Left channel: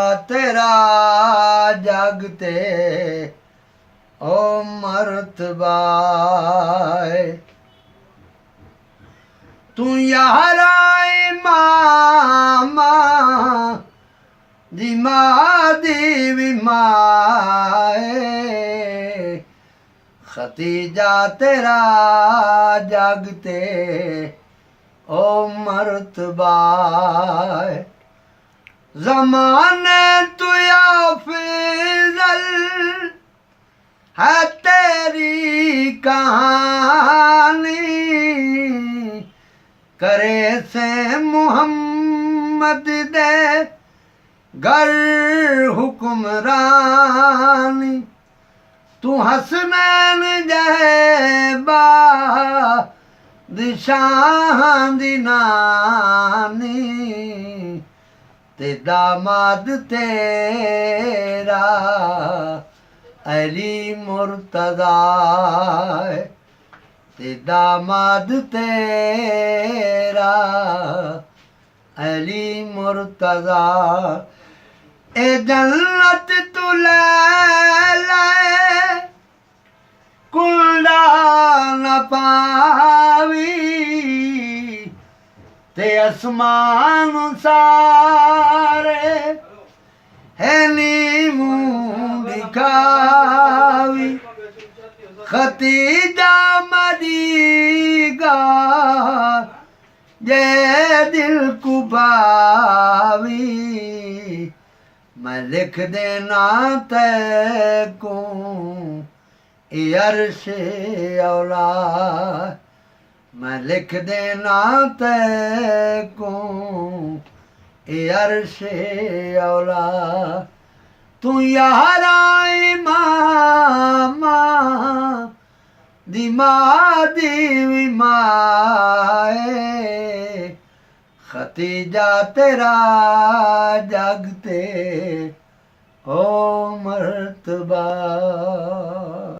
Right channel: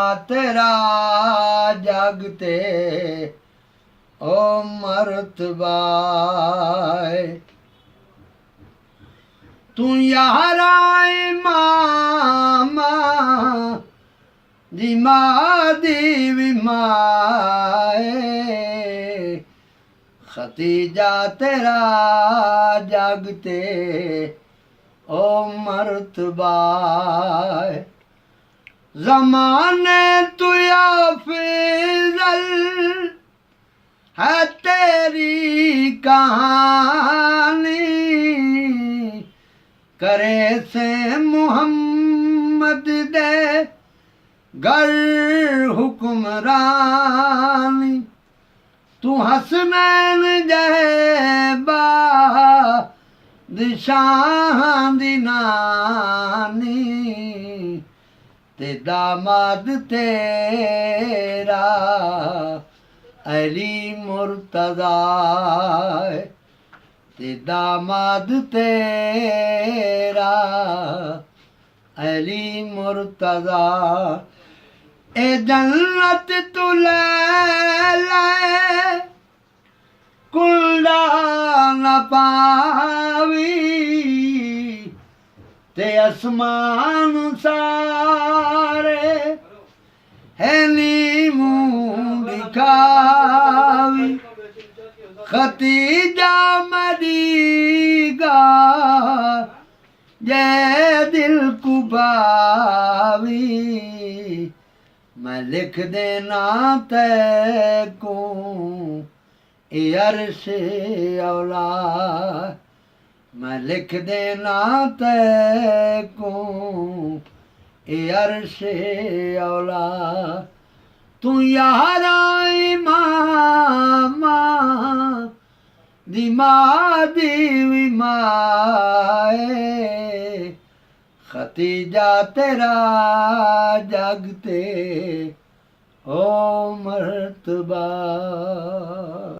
तेरा जगते ओ मर्तबा तू यारा इमामा दी मादी विमाए खतीजा तेरा जगते ओ मर्तबा ज़माने तुया फिज़ल है तेरी कहानी करे से मोहम्मद दे घर हुक्मरानी तू हसनैन जहबा दिशां दी नानी ते दामाद तेरा अली मुर्तज़ा ते दामाद तेरा अली मुर्तज़ा ए जन्नत तू ले कुल्ला न पावी ते असमान सारे है नी मुँह दिखावी खतीजा मदीगा ये दिल कुबावी मैं लिख देना तैको ए अर्श औलाद मैं लिख देना तैको ए अर्श औलाद तू यारा इमामा दी मादी विमाए खतीजा तेरा जगते ओ मर्तबा।